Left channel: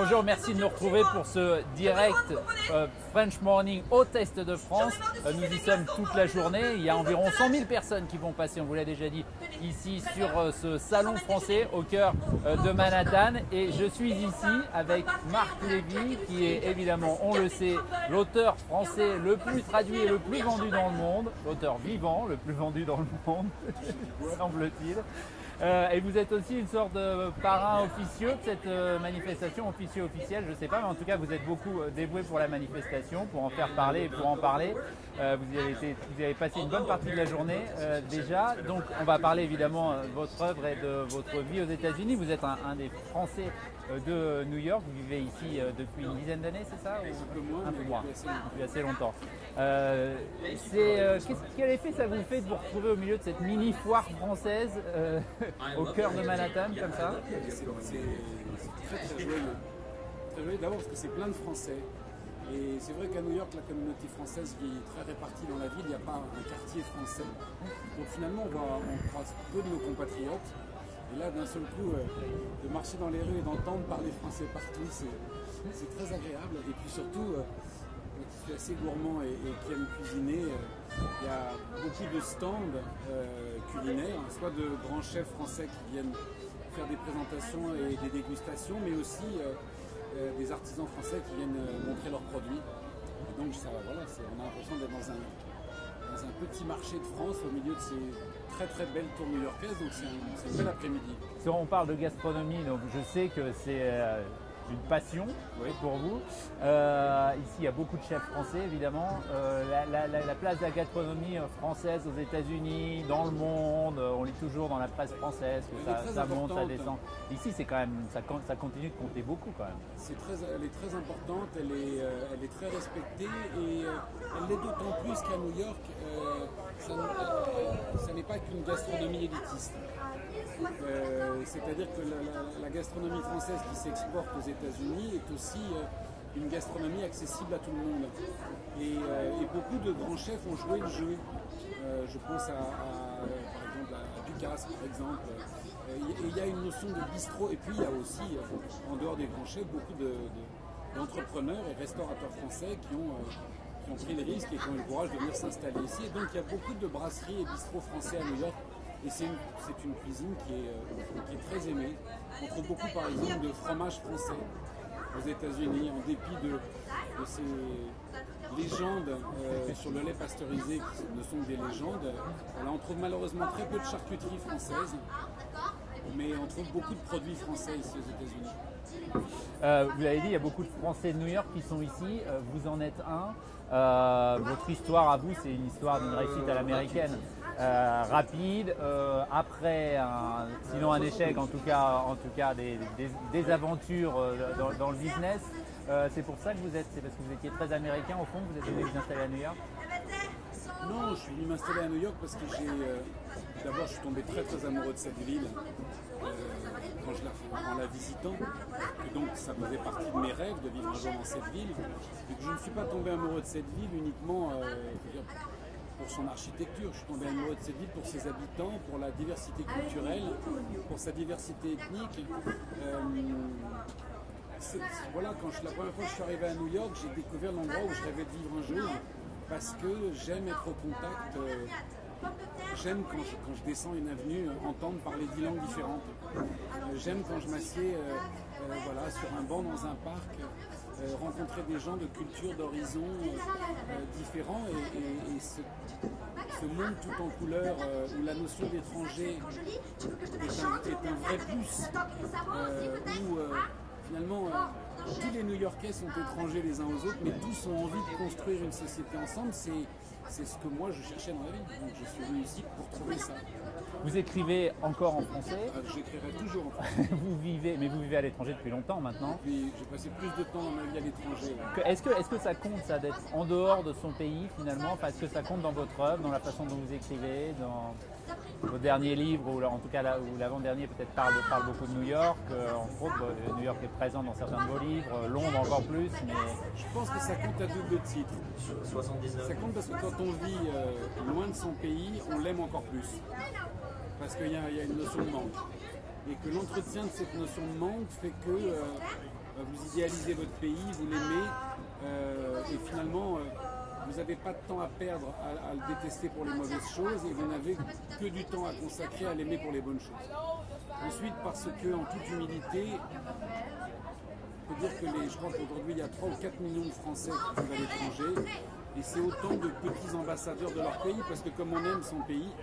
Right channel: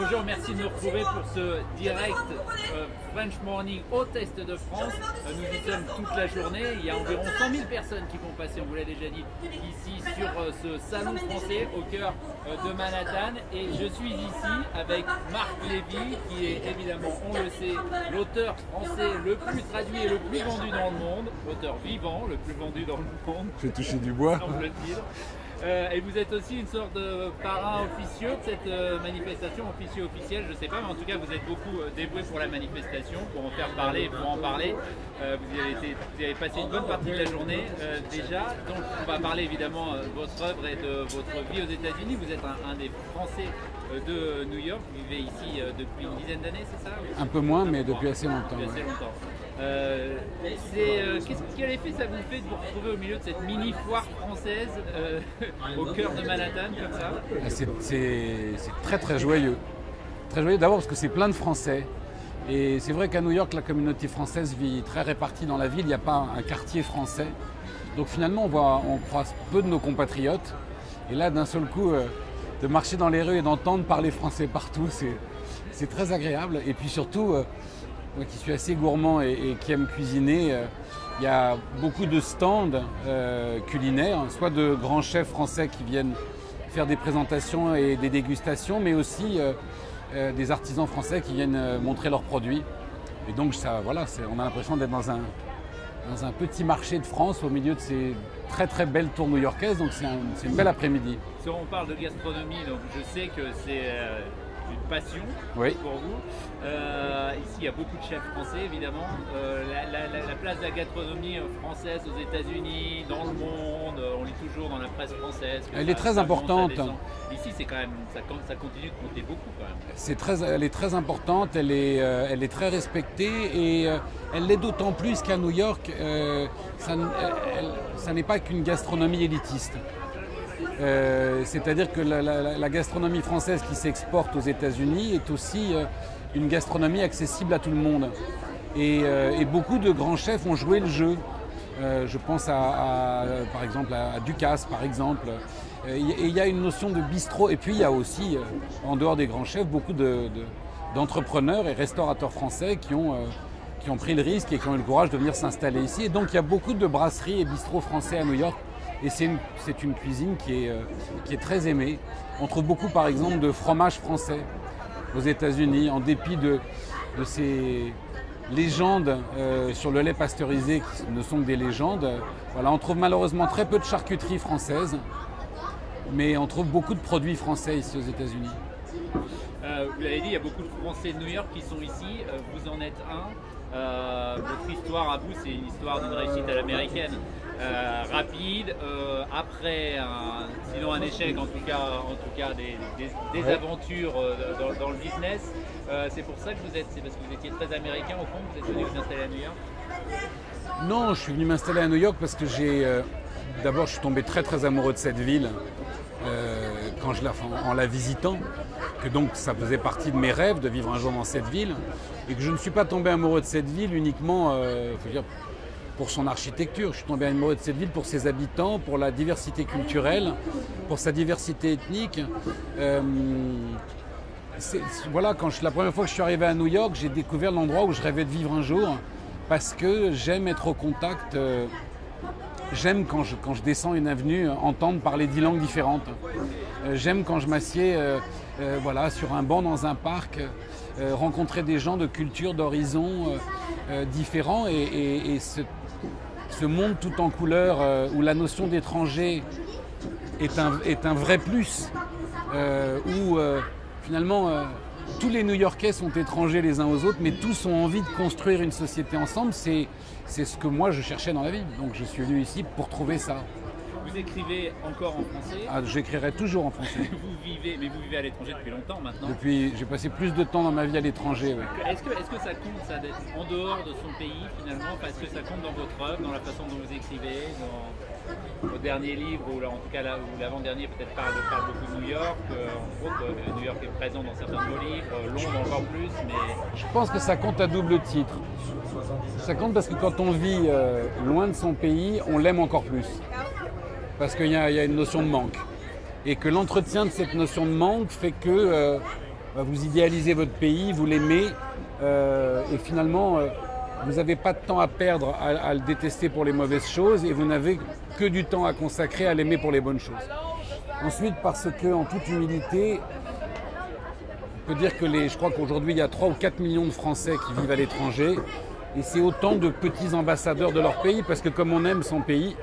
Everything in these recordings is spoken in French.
Bonjour, merci de nous retrouver pour ce direct French Morning au Test de France. Nous y sommes toute la journée. Il y a environ 100 000 personnes qui vont passer, on vous l'a déjà dit, ici sur ce salon français au cœur de Manhattan. Et je suis ici avec Marc Lévy, qui est évidemment, on le sait, l'auteur français le plus traduit et le plus vendu dans le monde. L'auteur vivant, le plus vendu dans le monde. Je vais toucher du bois. Semble-t-il. Et vous êtes aussi une sorte de parrain officieux de cette manifestation, officielle, je ne sais pas, mais en tout cas vous êtes beaucoup dévoué pour la manifestation, pour en faire parler et pour en parler. Vous avez passé une bonne partie de la journée déjà, donc on va parler évidemment de votre œuvre et de votre vie aux États-Unis. Vous êtes un des Français de New York, vous vivez ici depuis une dizaine d'années, c'est ça? Un peu moins, mais depuis assez longtemps. Depuis assez longtemps. Quel effet ça vous fait de vous retrouver au milieu de cette mini foire française au cœur de Manhattan comme ça? C'est très très joyeux. Très joyeux d'abord parce que c'est plein de Français. Et c'est vrai qu'à New York, la communauté française vit très répartie dans la ville. Il n'y a pas un quartier français. Donc finalement, on croise peu de nos compatriotes. Et là, d'un seul coup, de marcher dans les rues et d'entendre parler français partout, c'est très agréable. Et puis surtout, moi qui suis assez gourmand et qui aime cuisiner, il y a beaucoup de stands culinaires, soit de grands chefs français qui viennent faire des présentations et des dégustations, mais aussi des artisans français qui viennent montrer leurs produits. Et donc ça, voilà, on a l'impression d'être dans un petit marché de France au milieu de ces très très belles tours new-yorkaises, donc c'est une belle après-midi. Si on parle de gastronomie, donc je sais que c'est une passion pour vous. Ici, il y a beaucoup de chefs français, évidemment. La place de la gastronomie française aux États-Unis, dans le monde, on lit toujours dans la presse française. Elle est très importante. Ici, c'est quand même, ça continue de compter beaucoup quand même. Elle est très importante, elle est très respectée et elle l'est d'autant plus qu'à New York, ça n'est pas qu'une gastronomie élitiste. C'est-à-dire que la gastronomie française qui s'exporte aux États-Unis est aussi une gastronomie accessible à tout le monde. Et beaucoup de grands chefs ont joué le jeu. Je pense par exemple à Ducasse, par exemple. Et il y a une notion de bistrot. Et puis il y a aussi, en dehors des grands chefs, beaucoup d'entrepreneurs et restaurateurs français qui ont pris le risque et qui ont eu le courage de venir s'installer ici. Et donc il y a beaucoup de brasseries et bistrots français à New York. Et c'est une cuisine qui est très aimée. On trouve beaucoup par exemple de fromage français aux États-Unis, en dépit de ces légendes sur le lait pasteurisé qui ne sont que des légendes. Voilà, on trouve malheureusement très peu de charcuterie française, mais on trouve beaucoup de produits français ici aux États-Unis. Vous l'avez dit, il y a beaucoup de Français de New York qui sont ici, vous en êtes un. Votre histoire à vous, c'est une histoire d'une réussite à l'américaine. Rapide, après sinon un échec, en tout cas des aventures dans le business. C'est pour ça que c'est parce que vous étiez très américain au fond, vous êtes venu vous installer à New York? Non, je suis venu m'installer à New York parce que d'abord je suis tombé très très amoureux de cette ville en la visitant, que donc ça faisait partie de mes rêves de vivre un jour dans cette ville, et que je ne suis pas tombé amoureux de cette ville uniquement, faut dire, pour son architecture. Je suis tombé amoureux de cette ville pour ses habitants, pour la diversité culturelle, pour sa diversité ethnique. Voilà, la première fois que je suis arrivé à New York, j'ai découvert l'endroit où je rêvais de vivre un jour, parce que j'aime être au contact, j'aime quand je descends une avenue entendre parler 10 langues différentes. J'aime quand je m'assieds sur un banc dans un parc, rencontrer des gens de cultures, d'horizons différents, et ce monde tout en couleurs où la notion d'étranger est un vrai plus, où finalement tous les New-Yorkais sont étrangers les uns aux autres, mais tous ont envie de construire une société ensemble. C'est ce que moi je cherchais dans la vie, donc je suis venu ici pour trouver ça. Vous écrivez encore en français? J'écrirai toujours en français. Vous vivez à l'étranger depuis longtemps maintenant? J'ai passé plus de temps dans ma vie à l'étranger. Ouais. Est-ce que ça compte ça d'être en dehors de son pays finalement? Est-ce que ça compte dans votre œuvre, dans la façon dont vous écrivez, dans vos derniers livres, ou en tout cas l'avant-dernier peut-être parle beaucoup de New York, en gros New York est présent dans certains de vos livres, Londres encore plus, mais... Je pense que ça compte à double titre. Ça compte parce que quand on vit loin de son pays, on l'aime encore plus. Parce qu'il y a une notion de manque. Et que l'entretien de cette notion de manque fait que vous idéalisez votre pays, vous l'aimez, et finalement, vous n'avez pas de temps à perdre à le détester pour les mauvaises choses, et vous n'avez que du temps à consacrer à l'aimer pour les bonnes choses. Ensuite, parce que, en toute humilité, on peut dire que je crois qu'aujourd'hui, il y a 3 ou 4 millions de Français qui vivent à l'étranger, et c'est autant de petits ambassadeurs de leur pays, parce que comme on aime son pays,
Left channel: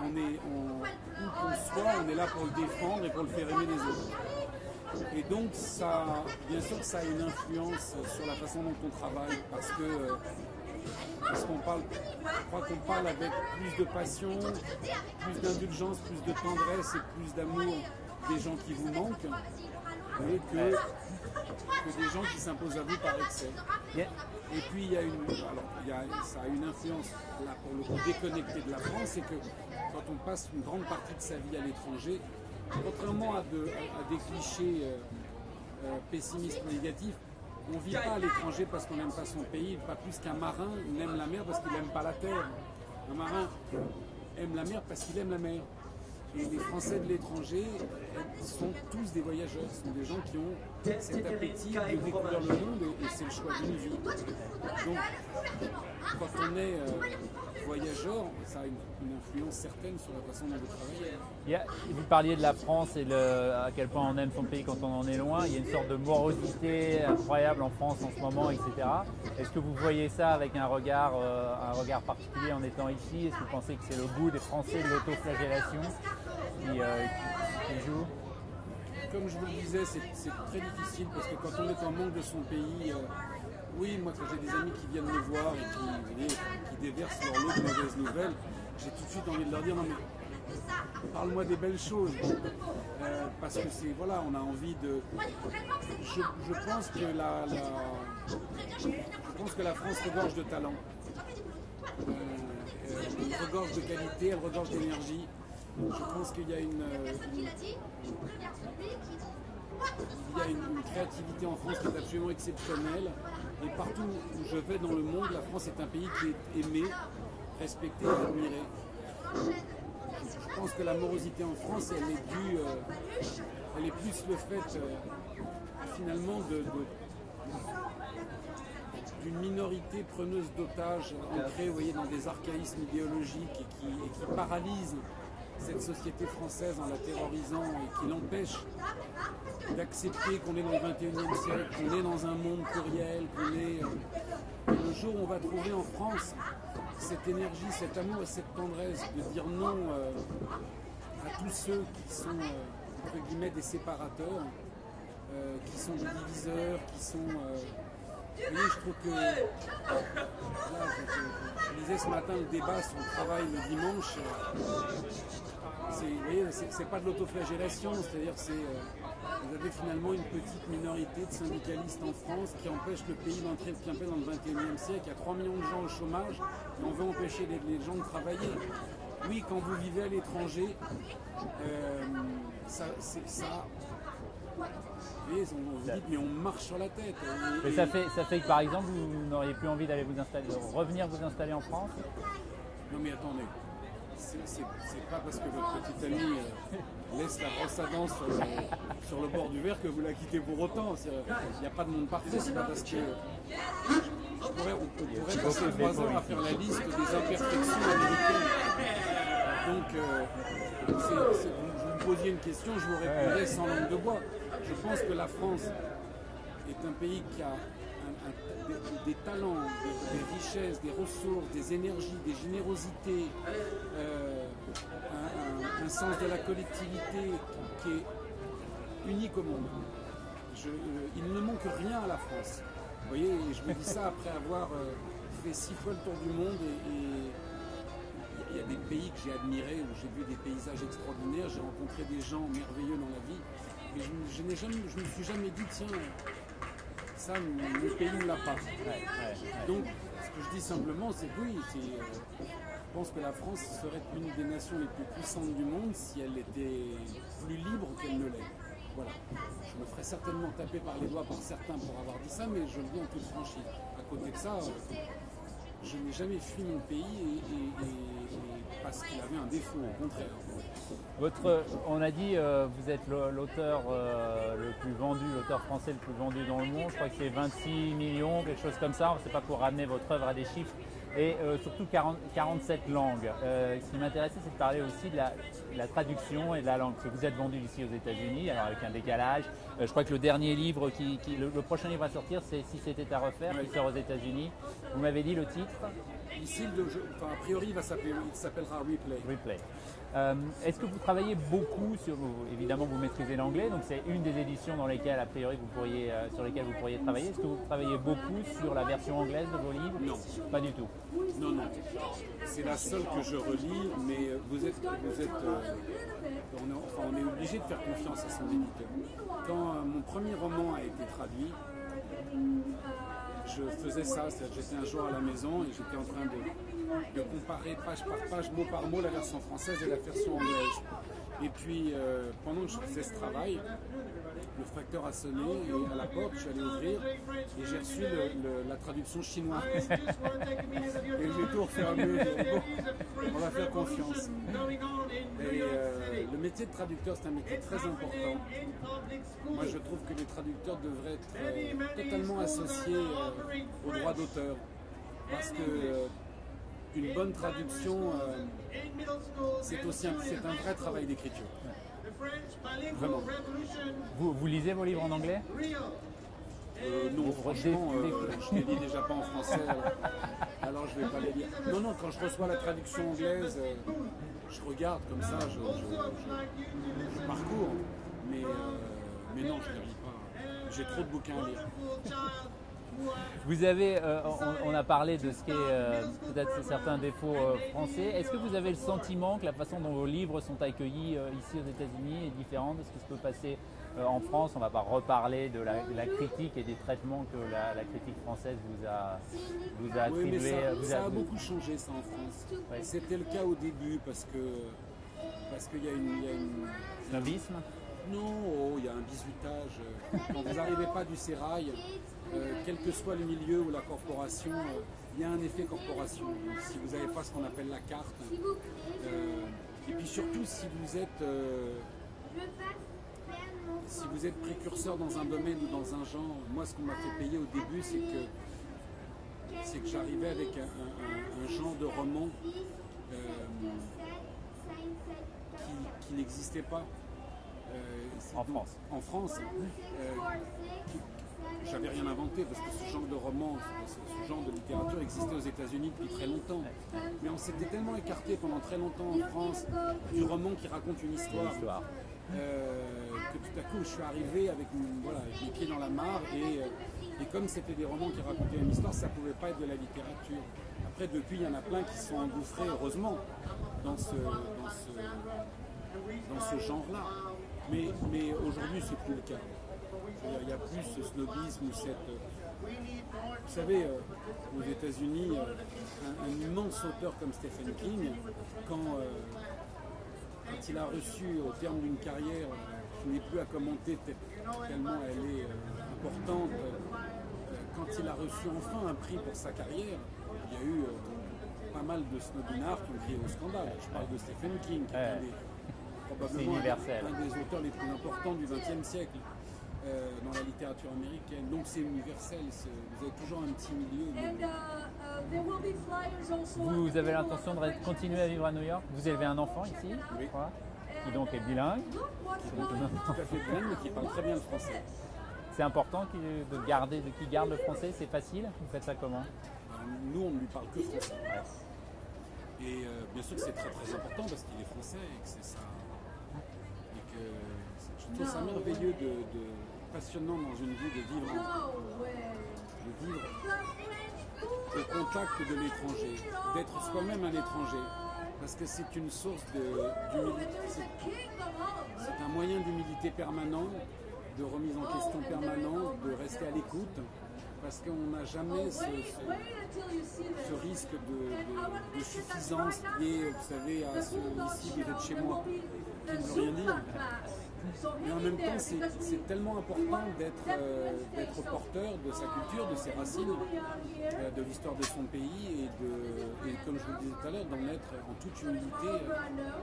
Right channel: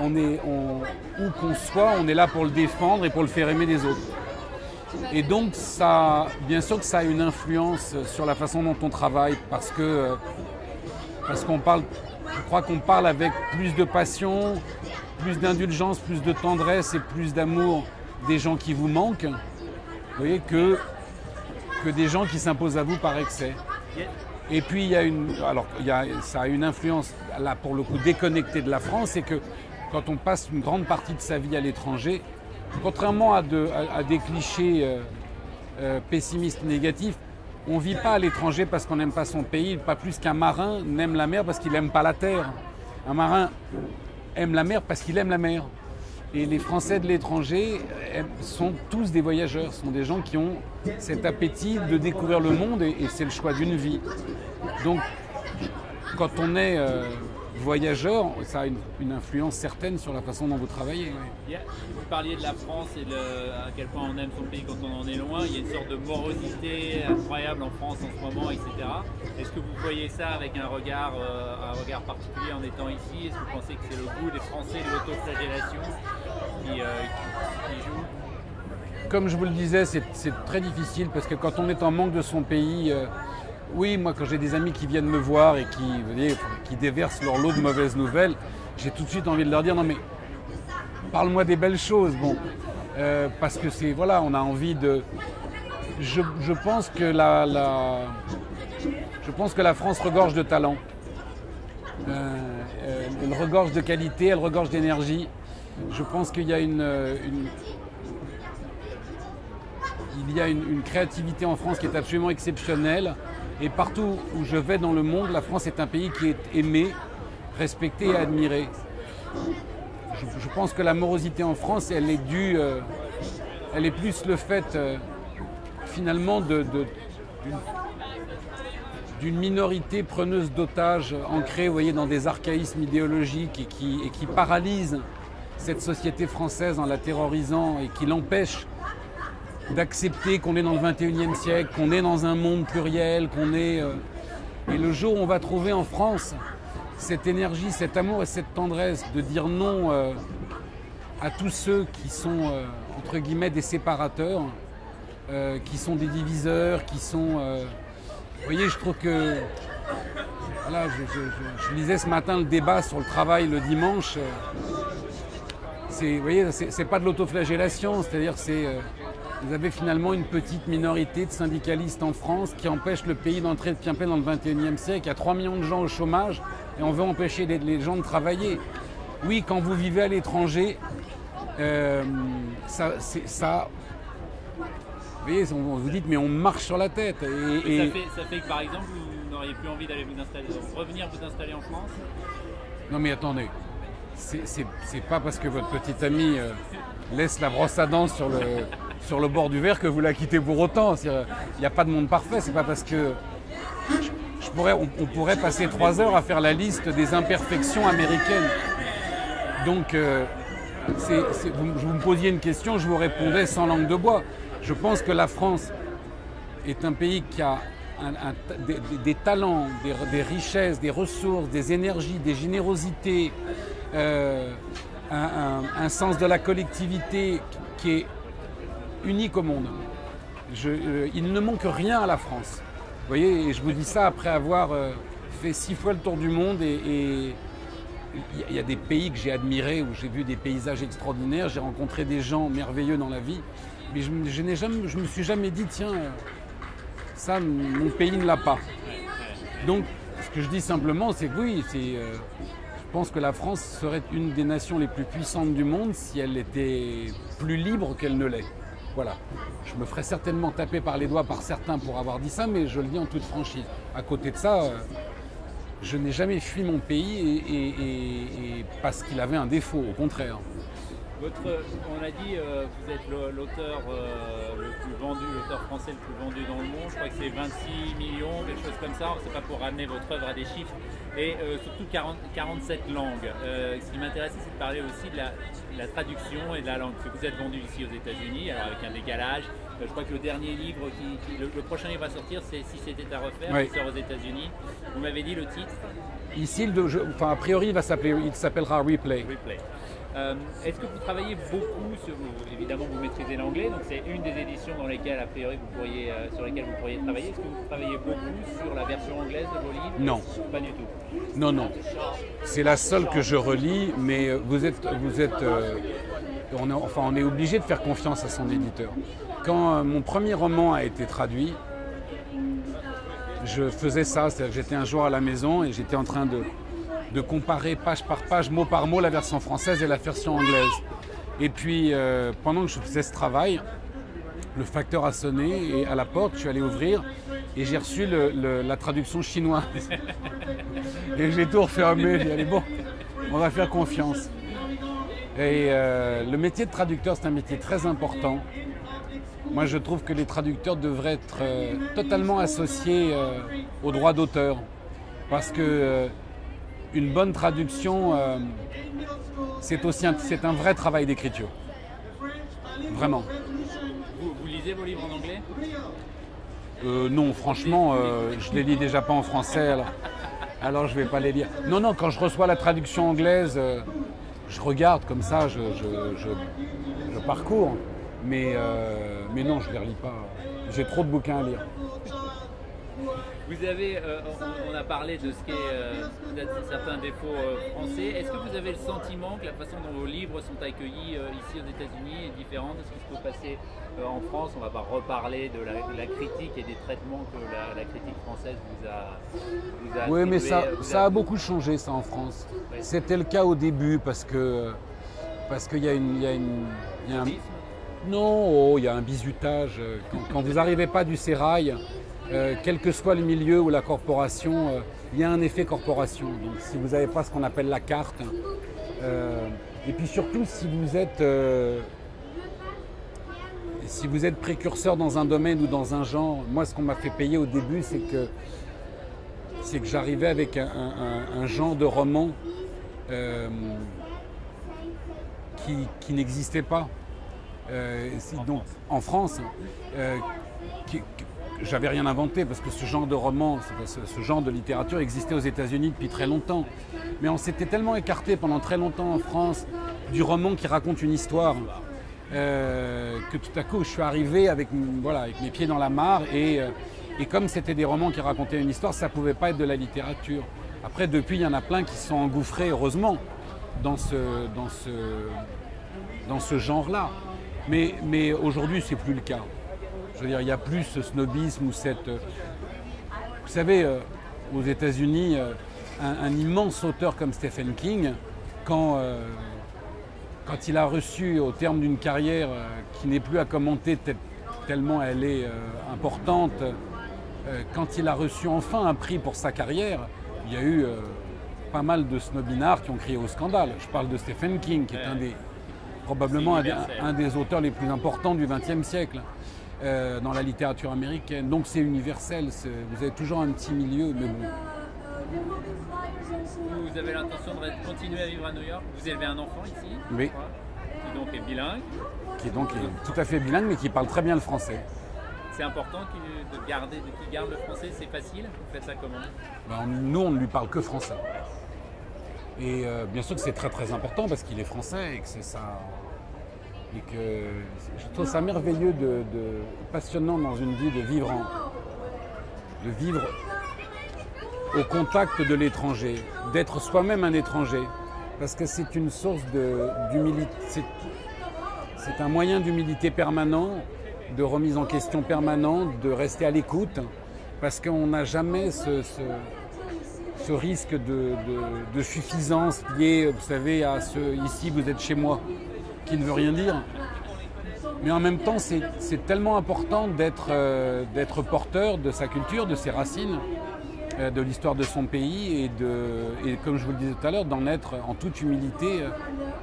où qu'on soit, on est là pour le défendre et pour le faire aimer des autres. Et donc, bien sûr que ça a une influence sur la façon dont on travaille, parce qu'on parle, je crois qu'on parle avec plus de passion, plus d'indulgence, plus de tendresse et plus d'amour des gens qui vous manquent, vous voyez, que des gens qui s'imposent à vous par excès. Et puis ça a une influence, là pour le coup déconnectée de la France, c'est que quand on passe une grande partie de sa vie à l'étranger, contrairement à des clichés pessimistes négatifs, on ne vit pas à l'étranger parce qu'on n'aime pas son pays, pas plus qu'un marin n'aime la mer parce qu'il n'aime pas la terre. Un marin aime la mer parce qu'il aime la mer. Et les Français de l'étranger sont tous des voyageurs, sont des gens qui ont cet appétit de découvrir le monde et c'est le choix d'une vie. Donc, quand on est voyageur, ça a une influence certaine sur la façon dont vous travaillez. Vous parliez de la France et à quel point on aime son pays quand on en est loin. Il y a une sorte de morosité incroyable en France en ce moment, etc. Est-ce que vous voyez ça avec un regard particulier en étant ici? Est-ce que vous pensez que c'est le goût des Français de l'autoflagellation qui joue? Comme je vous le disais, c'est très difficile parce que quand on est en manque de son pays, oui, moi quand j'ai des amis qui viennent me voir et qui déversent leur lot de mauvaises nouvelles, j'ai tout de suite envie de leur dire non mais parle-moi des belles choses, bon, parce que on a envie de. Je pense que la France regorge de talent. Elle regorge de qualité, elle regorge d'énergie. Je pense qu'il y a une créativité en France qui est absolument exceptionnelle. Et partout où je vais dans le monde, la France est un pays qui est aimé, respecté et admiré. Je pense que la morosité en France, elle est due, elle est plus le fait finalement d'une minorité preneuse d'otages ancrée, vous voyez, dans des archaïsmes idéologiques et qui paralyse cette société française en la terrorisant et qui l'empêche d'accepter qu'on est dans le 21e siècle, qu'on est dans un monde pluriel, Et le jour où on va trouver en France cette énergie, cet amour et cette tendresse de dire non à tous ceux qui sont, entre guillemets, des séparateurs, qui sont des diviseurs, qui sont... vous voyez, je trouve que... Là, je lisais ce matin le débat sur le travail le dimanche. Vous voyez, c'est pas de l'autoflagellation, c'est-à-dire vous avez finalement une petite minorité de syndicalistes en France qui empêchent le pays d'entrer de plein dans le 21e siècle. Il y a 3 millions de gens au chômage et on veut empêcher les gens de travailler. Oui, quand vous vivez à l'étranger, ça vous voyez, vous dites mais on marche sur la tête. Ça fait que par exemple, vous n'auriez plus envie d'aller revenir vous installer en France? Non mais attendez, c'est pas parce que votre petite amie laisse la brosse à dents sur le bord du verre que vous la quittez pour autant. Il n'y a pas de monde parfait, c'est pas parce que... on pourrait passer 3 heures à faire la liste des imperfections américaines. Donc, vous me posiez une question, je vous répondais sans langue de bois. Je pense que la France est un pays qui a des talents, des richesses, des ressources, des énergies, des générosités, un sens de la collectivité qui est unique au monde. Il ne manque rien à la France. Vous voyez, et je vous dis ça après avoir fait 6 fois le tour du monde et il y a des pays que j'ai admirés, où j'ai vu des paysages extraordinaires, j'ai rencontré des gens merveilleux dans la vie, mais je me suis jamais dit, tiens, ça, mon pays ne l'a pas. Donc, ce que je dis simplement, c'est que oui, je pense que la France serait une des nations les plus puissantes du monde si elle était plus libre qu'elle ne l'est. Voilà. Je me ferais certainement taper par les doigts par certains pour avoir dit ça, mais je le dis en toute franchise. À côté de ça, je n'ai jamais fui mon pays et parce qu'il avait un défaut, au contraire. On a dit, vous êtes l'auteur le plus vendu, l'auteur français le plus vendu dans le monde. Je crois que c'est 26 millions, quelque chose comme ça. C'est pas pour ramener votre œuvre à des chiffres. Et surtout 47 langues. Ce qui m'intéressait, c'est de parler aussi de la traduction et de la langue. Parce que vous êtes vendu ici aux États-Unis, alors avec un décalage. Je crois que le dernier livre, le prochain livre à sortir, c'est Si c'était à refaire, oui. qui sort aux États-Unis. Vous m'avez dit le titre? Ici, a priori, il s'appellera Replay. Replay. Est-ce que vous travaillez beaucoup sur, évidemment vous maîtrisez l'anglais, donc c'est une des éditions dans lesquelles a priori sur lesquelles vous pourriez travailler. Est-ce que vous travaillez beaucoup sur la version anglaise de vos livres? Non. Pas du tout. Non. C'est la seule que je relis, mais on est obligé de faire confiance à son éditeur. Quand mon premier roman a été traduit, je faisais ça, c'est-à-dire que j'étais un jour à la maison et j'étais en train de comparer page par page, mot par mot, la version française et la version anglaise. Et puis, pendant que je faisais ce travail, le facteur a sonné et à la porte, je suis allé ouvrir et j'ai reçu la traduction chinoise. Et j'ai tout refermé, j'ai dit allez bon, on va faire confiance. Et le métier de traducteur, c'est un métier très important. Moi, je trouve que les traducteurs devraient être totalement associés aux droits d'auteur. Parce que une bonne traduction, c'est un vrai travail d'écriture. Vraiment. Vous lisez vos livres en anglais? Non, franchement, je les lis déjà pas en français, alors je vais pas les lire. Non, quand je reçois la traduction anglaise, je regarde comme ça, je parcours. Mais non, je ne les relis pas. J'ai trop de bouquins à lire. Vous avez, on a parlé de ce qu'est peut-être certains défauts français. Est-ce que vous avez le sentiment que la façon dont vos livres sont accueillis ici aux États-Unis est différente de ce qui se peut passer en France? On ne va pas reparler de la critique et des traitements que la critique française vous a Oui, mais ça a a beaucoup changé, ça, en France. Oui. C'était le cas au début parce qu'il y a un... Non, il y a un bizutage. Quand vous n'arrivez pas du sérail, quel que soit le milieu ou la corporation, il y a un effet corporation. Donc, si vous n'avez pas ce qu'on appelle la carte, et puis surtout si vous êtes précurseur dans un domaine ou dans un genre, moi ce qu'on m'a fait payer au début, c'est que j'arrivais avec un genre de roman qui n'existait pas. En France, j'avais rien inventé parce que ce genre de roman, ce genre de littérature existait aux États-Unis depuis très longtemps. Mais on s'était tellement écarté pendant très longtemps en France du roman qui raconte une histoire que tout à coup je suis arrivé avec mes pieds dans la mare et comme c'était des romans qui racontaient une histoire, ça ne pouvait pas être de la littérature. Après, depuis, il y en a plein qui sont engouffrés, heureusement, dans ce genre-là. Mais aujourd'hui, c'est plus le cas. Je veux dire, il n'y a plus ce snobisme ou cette... Vous savez, aux États-Unis, un immense auteur comme Stephen King, quand il a reçu, au terme d'une carrière qui n'est plus à commenter tellement elle est importante, quand il a reçu enfin un prix pour sa carrière, il y a eu pas mal de snobinards qui ont crié au scandale. Je parle de Stephen King, qui est probablement un des auteurs les plus importants du XXe siècle dans la littérature américaine. Donc c'est universel, vous avez toujours un petit milieu, mais bon. Vous avez l'intention de continuer à vivre à New York? Vous élevez un enfant ici? Oui. Qui donc est bilingue? Qui est donc tout à fait bilingue, mais qui parle très bien le français. C'est important qu'il garde le français, c'est facile? Vous faites ça comment? Nous, on ne lui parle que français. Et bien sûr que c'est très très important parce qu'il est français et que c'est ça. Et que je trouve ça merveilleux, passionnant dans une vie de vivre au contact de l'étranger, d'être soi-même un étranger. Parce que c'est une source d'humilité, c'est un moyen d'humilité permanent, de remise en question permanente, de rester à l'écoute. Parce qu'on n'a jamais ce risque de suffisance lié, vous savez, à ici vous êtes chez moi, qui ne veut rien dire. Mais en même temps, c'est tellement important d'être porteur de sa culture, de ses racines, de l'histoire de son pays et comme je vous le disais tout à l'heure, d'en être en toute humilité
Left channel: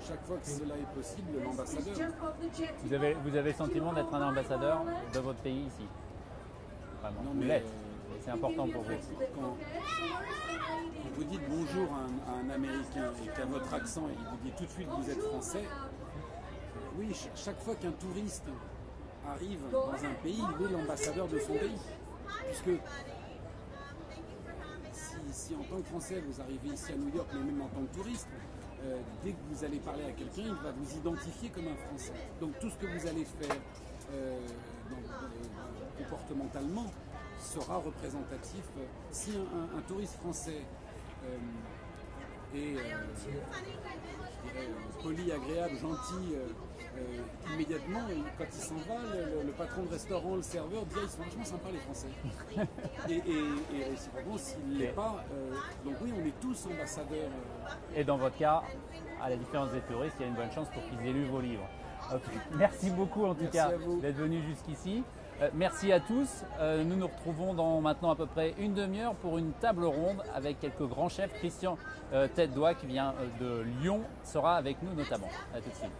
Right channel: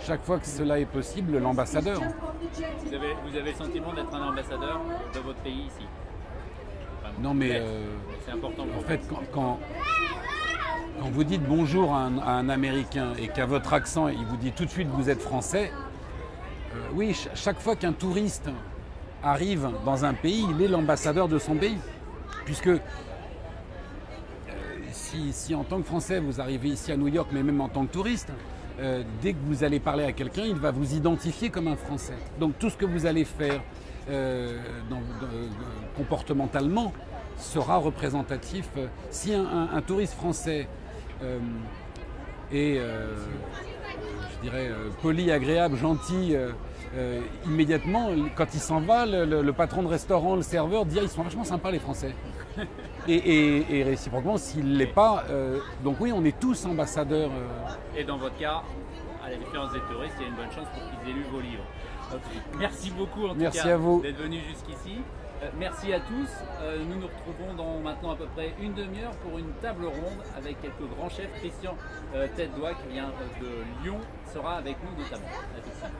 chaque fois que cela est possible, l'ambassadeur. Vous avez le sentiment d'être un ambassadeur de votre pays ici? Vraiment. Non mais c'est important pour en fait quand vous dites bonjour à un Américain et qu'à votre accent il vous dit tout de suite que vous êtes français, oui, chaque fois qu'un touriste arrive dans un pays, il est l'ambassadeur de son pays. Puisque si en tant que Français vous arrivez ici à New York, mais même en tant que touriste, dès que vous allez parler à quelqu'un, il va vous identifier comme un Français. Donc tout ce que vous allez faire comportementalement sera représentatif. Si un touriste français est, je dirais, poli, agréable, gentil, immédiatement, quand il s'en va, le patron de restaurant, le serveur dit « ils sont vachement sympas les Français ». Et réciproquement, s'il ne l'est pas, donc oui, on est tous ambassadeurs. Et dans votre cas, à la différence des touristes, il y a une bonne chance pour qu'ils aient lu vos livres. Merci beaucoup en tout Merci cas à vous d'être venu jusqu'ici. Merci à tous. Nous nous retrouvons dans maintenant à peu près une demi-heure pour une table ronde avec quelques grands chefs. Christian Tête-Doigt qui vient de Lyon sera avec nous notamment. À tout de suite.